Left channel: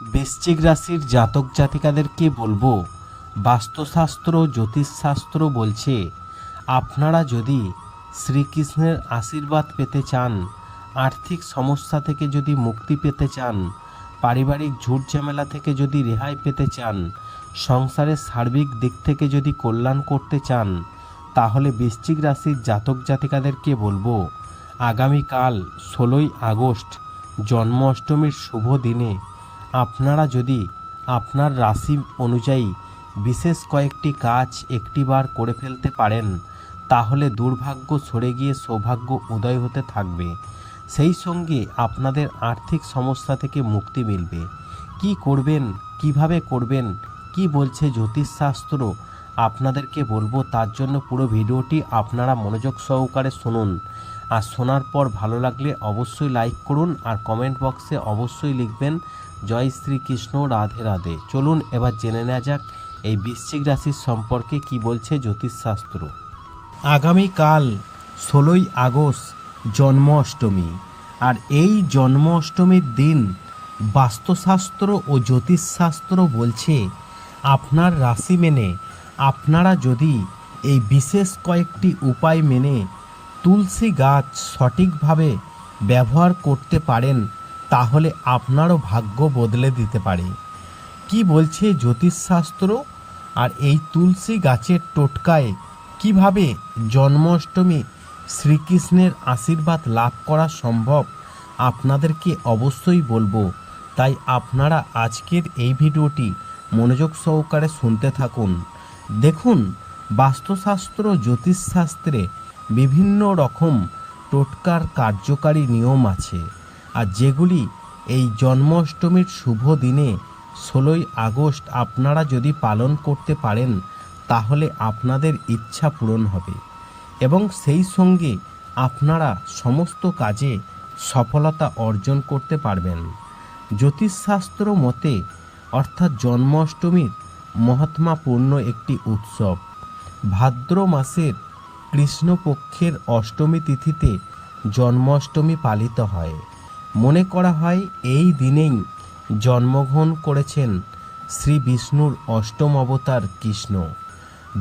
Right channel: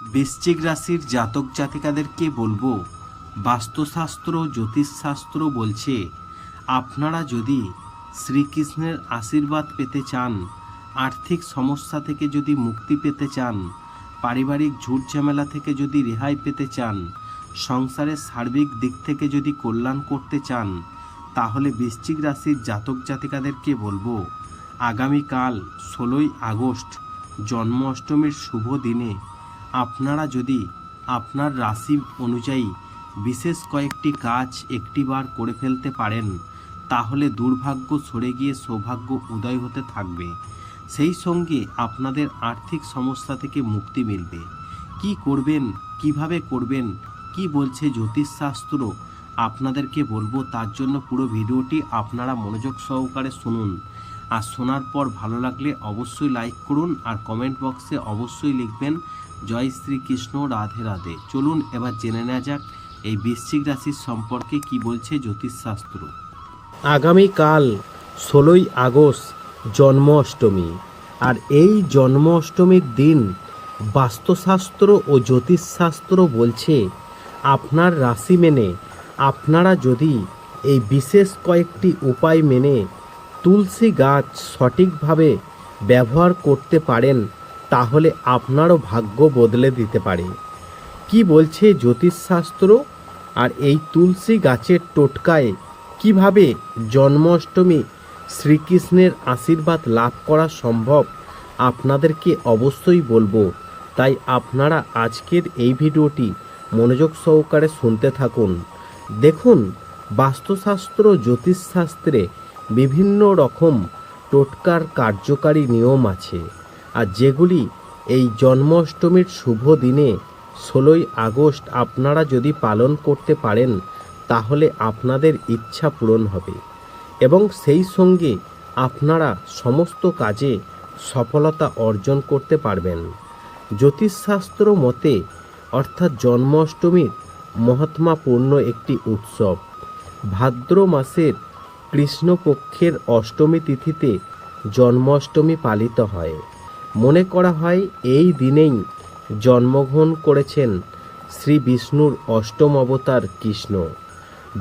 বৃশ্চিক রাশির জাতক জাতিকাদেরকে বলব, বাস্তুশাস্ত্র, জ্যোতিষশাস্ত্র বলছে, আপনারা যদি শ্রীকৃষ্ণের আশীর্বাদ পেতে চান, আর্থিক সমস্যা থেকে যদি মুক্তি পেতে চান, পারিবারিক ঝুট ঝামেলা থেকে যদি রেহাই পেতে চান, সংসারের সার্বিক দিক থেকে যদি কল্যাণ করতে চান, তাহলে বৃশ্চিক রাশির জাতক জাতিকাদেরকে বলব, আগামীকাল ষোলোই আগস্ট জন্ম অষ্টমীর শুভ দিনে আপনারা যদি আপনার রাশি অনুযায়ী বিশেষ কয়েকটি কাজ একটিবার করে ফেলতে পারেন, তাহলে দুর্ভাগ্য সরে গিয়ে সৌভাগ্য উদয় হতে থাকবে। সেই সঙ্গে আপনাদের আর্থিক সমস্যা থেকে মুক্তি মিলবে। কি করবেন, কীভাবে করবেন, কি বলছে জ্যোতিষশাস্ত্র আপনাদেরকে বলব, তার জন্য পুরো ভিডিওটি আপনারা মনোযোগ সহকারে শুনুন। আর শোনার পর ভালো লাগলে অবশ্যই লাইক করুন আর কমেন্ট বক্সে অবশ্যই লিখবেন জয় শ্রীকৃষ্ণ রাধে রাধে। চলুন এবার জেনে নেওয়া যাক এই বৃশ্চিক রাশির সম্পর্কে কি বলছে জ্যোতিষশাস্ত্র। আগামীকাল ষোলোই আগস্ট জন্ম অষ্টমী আর এই জন্ম অষ্টমীর দিন বাস্তুশাস্ত্র ও জ্যোতিষশাস্ত্র বলছে, আপনার রাশি মেনে আপনারা যদি এই বিশেষ কয়েকটি উপায় মেনে তুলসী গাছ সঠিকভাবে ব্যবহার করতে পারেন তাহলে আপনারও ভাগ্য বদলে দিতে পারে। কি বলছে জ্যোতিষশাস্ত্র? আর এই তুলসী গাছের টোটকায় কীভাবে জন্মাষ্টমী শ্রীকৃষ্ণের আশীর্বাদ লাভ করা সম্ভব, আপনাদেরকে অবশ্যই বলব। তাই আপনারা আজকের এই ভিডিওটি মনোযোগ সহকারে শুনতে থাকুন। দেখুন, বাস্তুশাস্ত্র, জ্যোতিষশাস্ত্রে বিভিন্ন রকম টোটকার কার্যকারী নিয়ম আছে। আর যেগুলি এই জন্মাষ্টমীর শুভ দিনে, ষোলোই আগস্ট আপনারা যদি পালন করতে পারেন, তাহলে আপনাদের ইচ্ছা পূরণ হবে। এবং সেই সঙ্গে আপনারা সমস্ত কাজে সফলতা অর্জন করতে পারবেন। জ্যোতিষশাস্ত্র মতে, অর্থাৎ জন্মাষ্টমীর মহাত্মাপূর্ণ একটি উৎসব। ভাদ্র মাসের কৃষ্ণপক্ষের অষ্টমী তিথিতে জন্মাষ্টমী পালিত হয়। মনে করা হয় এই দিনেই জন্মগ্রহণ করেছেন শ্রী বিষ্ণুর অষ্টম অবতার কৃষ্ণ।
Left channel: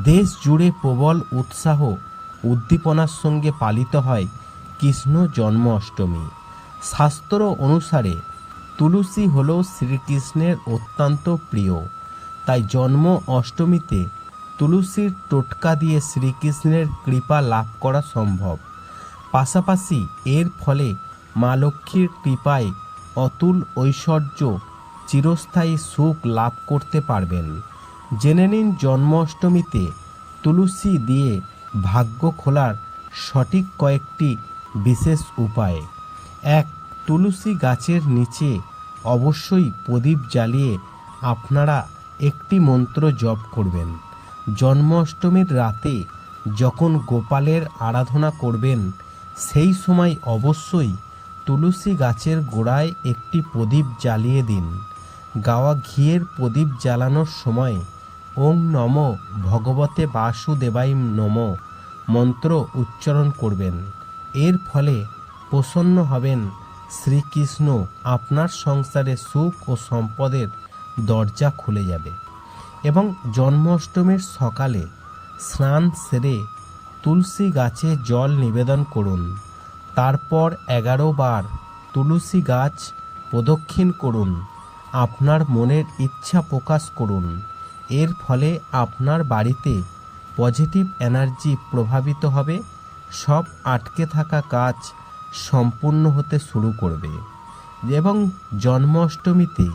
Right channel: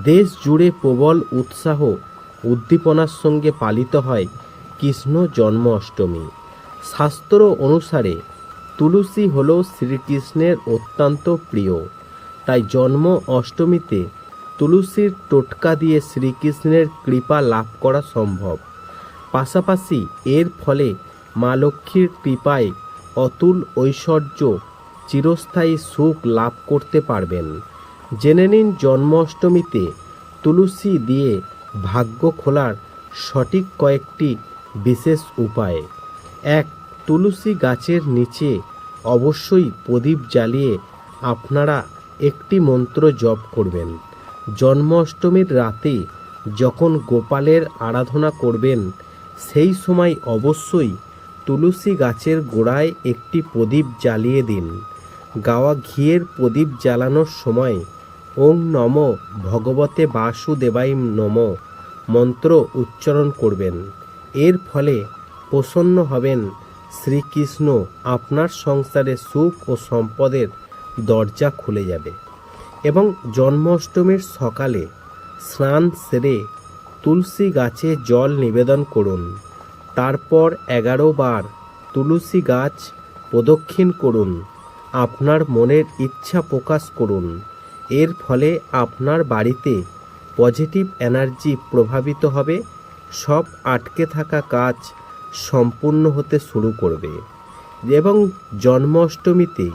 দেশ জুড়ে প্রবল উৎসাহ উদ্দীপনার সঙ্গে পালিত হয় কৃষ্ণ জন্ম অষ্টমী। শাস্ত্র অনুসারে তুলসী হল শ্রীকৃষ্ণের অত্যন্ত প্রিয়। তাই জন্ম অষ্টমীতে তুলসীর টোটকা দিয়ে শ্রীকৃষ্ণের কৃপা লাভ করা সম্ভব। পাশাপাশি এর ফলে মা লক্ষ্মীর কৃপায় অতুল ঐশ্বর্য চিরস্থায়ী সুখ লাভ করতে পারবেন। জেনে নিন জন্মাষ্টমীতে তুলসী দিয়ে ভাগ্য খোলার সঠিক কয়েকটি বিশেষ উপায়। এক, তুলসী গাছের নিচে অবশ্যই প্রদীপ জ্বালিয়ে আপনারা একটি মন্ত্র জপ করবেন। জন্মাষ্টমীর রাতে যখন গোপালের আরাধনা করবেন, সেই সময় অবশ্যই তুলসী গাছের গোড়ায় একটি প্রদীপ জ্বালিয়ে দিন। গাওয়া ঘিয়ের প্রদীপ জ্বালানোর সময় ওম নম, ভগবতে বাসুদেবাই নম, মন্ত্র উচ্চারণ করবেন। এর ফলে প্রসন্ন হবেন শ্রীকৃষ্ণ, আপনার সংসারে সুখ ও সম্পদের দরজা খুলে যাবে। এবং জন্মাষ্টমীর সকালে স্নান সেরে তুলসী গাছে জল নিবেদন করুন। তারপর এগারো বার তুলসী গাছ প্রদক্ষিণ করুন, আপনার মনের ইচ্ছা প্রকাশ করুন। এর ফলে আপনার বাড়িতে পজিটিভ এনার্জি প্রভাবিত হবে, সব আটকে থাকা কাজ সম্পূর্ণ হতে শুরু করবে। এবং জন্মাষ্টমীতে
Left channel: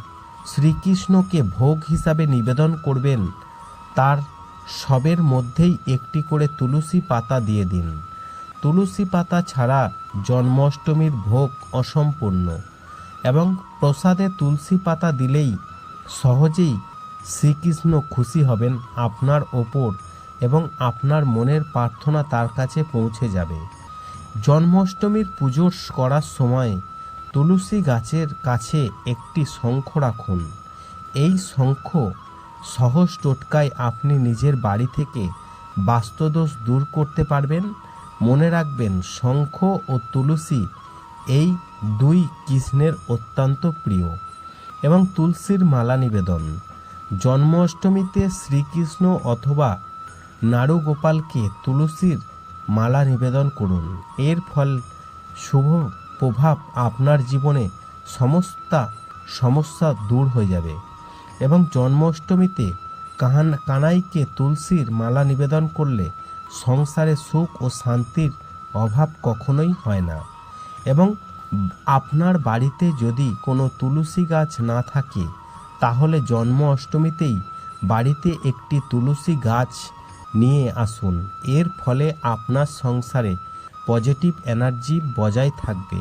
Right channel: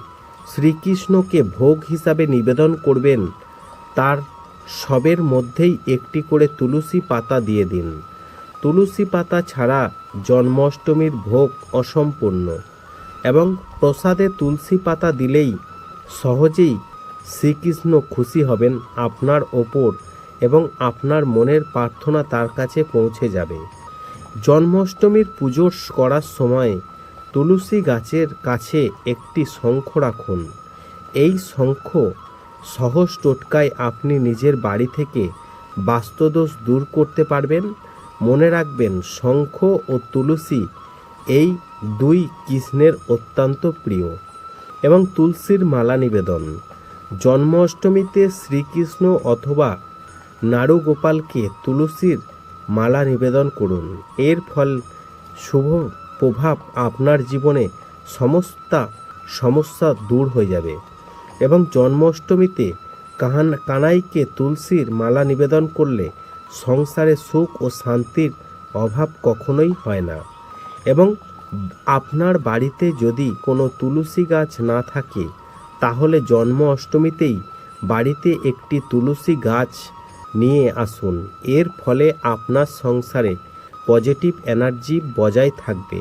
শ্রীকৃষ্ণকে ভোগ হিসাবে নিবেদন করবেন, তার সবের মধ্যেই একটি করে তুলসী পাতা দিয়ে দিন। তুলসী পাতা ছাড়া জন্মাষ্টমীর ভোগ অসম্পূর্ণ এবং প্রসাদে তুলসী পাতা দিলেই সহজেই শ্রীকৃষ্ণ খুশি হবেন আপনার ওপর এবং আপনার মনের প্রার্থনা তার কাছে পৌঁছে যাবে। জন্মাষ্টমীর পুজো করার সময় তুলসী গাছের কাছে একটি শঙ্খ রাখুন। এই শঙ্খ সহজ টোটকায় আপনি নিজের বাড়ি থেকে বাস্তুদোষ দূর করতে পারবেন মনে রাখবেন, শঙ্খ ও তুলসী এই দুই কৃষ্ণের অত্যন্ত প্রিয় এবং তুলসীর মালা নিবেদন। জন্মাষ্টমীতে শ্রীকৃষ্ণ অথবা নাড়ুগোপালকে তুলসীর মালা নিবেদন করুন। এর ফল শুভ প্রভাব আপনার জীবনে সমস্ত সমস্যা দূর হয়ে যাবে এবং জন্মাষ্টমীতে কাহান কানাইকে তুলসীর মালা নিবেদন করলে সংসারে সুখ ও শান্তির অভাব কখনোই হয় না। এবং আপনার বাড়িতে যদি কোনো তুলসী গাছ না থাকে, তাহলে জন্ম অষ্টমীতেই বাড়িতে একটি তুলসী গাছ নিয়ে আসুন। এর ফলে আপনার সংসারে পজিটিভ এনার্জি বজায় থাকবে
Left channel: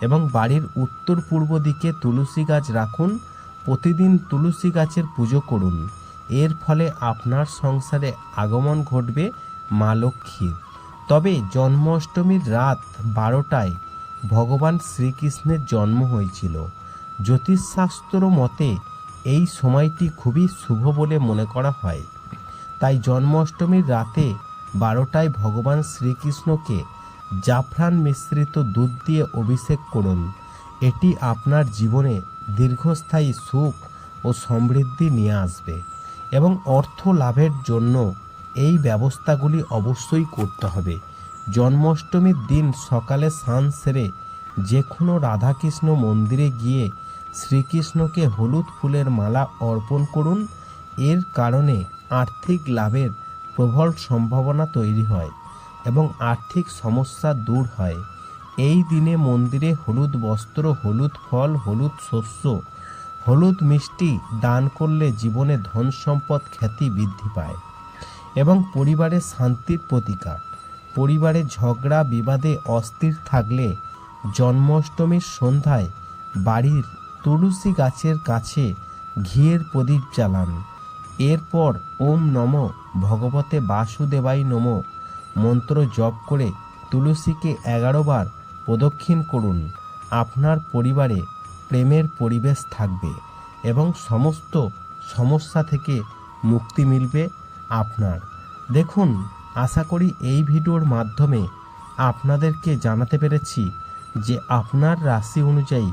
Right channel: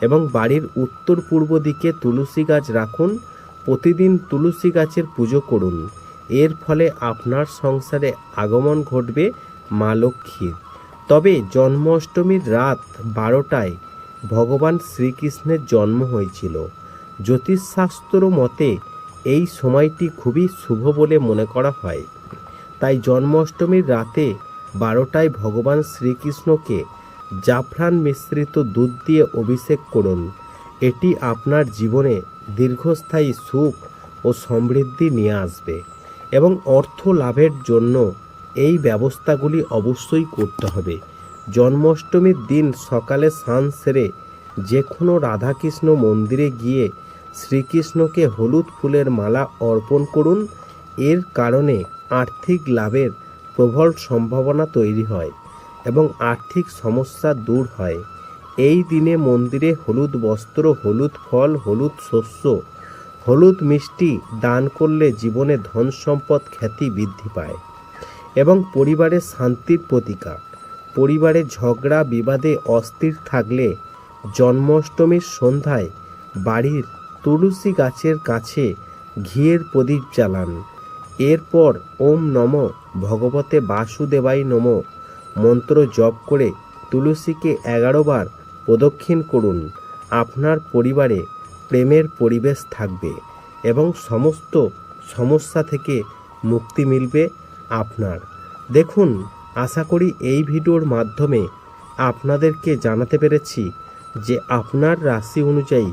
এবং বাড়ির উত্তর পূর্ব দিকে তুলসী গাছ রাখুন, প্রতিদিন তুলসী গাছের পুজো করুন। এর ফলে আপনার সংসারে আগমন ঘটবে মা লক্ষ্মীর তবে জন্মাষ্টমীর রাত বারোটায় ভগবান শ্রীকৃষ্ণের জন্ম হয়েছিল। জ্যোতিষশাস্ত্র মতে এই সময়টি খুবই শুভ বলে মনে করা হয়। তাই জন্মাষ্টমীর রাতে বারোটায় ভগবান শ্রীকৃষ্ণকে জাফরান মিশ্রিত দুধ দিয়ে অভিষেক করুন। এটি আপনার জীবনে দীর্ঘস্থায়ী সুখ ও সমৃদ্ধি নিয়ে আসবে এবং অর্থ লাভের জন্য এই ব্যবস্থাগুলি অবশ্যই করতে হবে। জন্মাষ্টমীর দিন সকালে স্নান সেরে যে কোনো রাধাকৃষ্ণ মন্দিরে গিয়ে শ্রীকৃষ্ণকে হলুদ ফুলের মালা অর্পণ করুন। এর কারণে আর্থিক লাভের প্রবল সম্ভাবনা তৈরি হয় এবং আর্থিক সমস্যা দূর হয়। এই দিনে মন্দিরে হলুদ বস্ত্র, হলুদ ফল, হলুদ শস্য, হলুদ মিষ্টি দান করলে জীবনে ধন সম্পদ খ্যাতি বৃদ্ধি পায়। এবং পরিবারের শান্তির প্রতিকার। পরিবারে ঝগড়া, বিবাদে অস্থির থাকলে জন্মাষ্টমীর সন্ধ্যায় বাড়ির তুলসী গাছের কাছে ঘিয়ের প্রদীপ জ্বালান। এরপর ওম নম ভগবতে বাসুদেবাই নম মন্ত্র জপ করে তুলসীকে এগারো বার প্রদক্ষিণ করুন। আপনার পরিবারে প্রেমের পরিবেশ থাকবে এবং সমস্ত সমস্যা থেকে মুক্তি মিলবে। আপনার। দেখুন, আশা করি এই ভিডিওর মাধ্যমে আপনাদেরকে জানাতে পেরেছি যে আপনার রাশি অনুযায়ী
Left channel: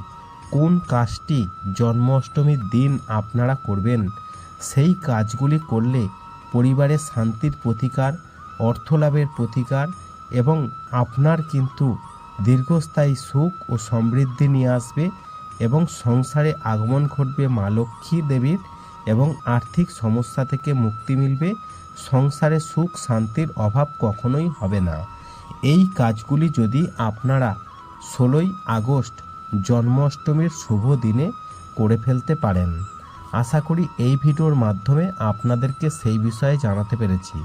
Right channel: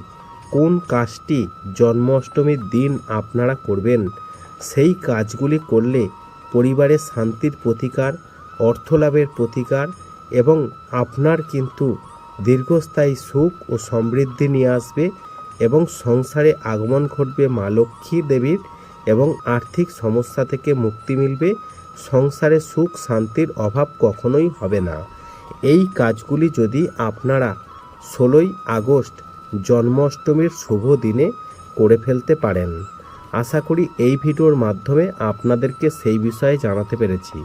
কোন কাজটি জন্মাষ্টমীর দিন আপনারা করবেন। সেই কাজগুলি করলে পরিবারে শান্তির প্রতিকার, অর্থলাভের প্রতিকার এবং আপনার কিন্তু দীর্ঘস্থায়ী সুখ ও সমৃদ্ধি নিয়ে আসবে এবং সংসারে আগমন ঘটবে মা লক্ষ্মী দেবীর এবং আর্থিক সমস্যা থেকে মুক্তি মিলবে, সংসারে সুখ শান্তির অভাব কখনোই হবে না। এই কাজগুলি যদি আপনারা ষোলোই আগস্ট জন্মাষ্টমীর শুভ দিনে করে ফেলতে পারেন। আশা করি এই ভিডিওর মাধ্যমে আপনাদেরকে সেই বিষয়ে জানাতে পেরেছি।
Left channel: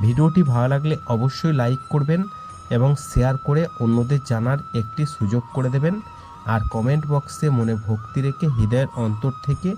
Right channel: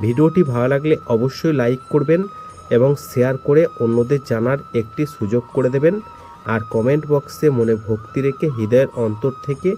ভিডিওটি ভালো লাগলে অবশ্যই লাইক করবেন এবং শেয়ার করে অন্যদের জানার একটি সুযোগ করে দেবেন। আর কমেন্ট বক্সে মনে ভক্তি রেখে হৃদয়ের অন্তর থেকে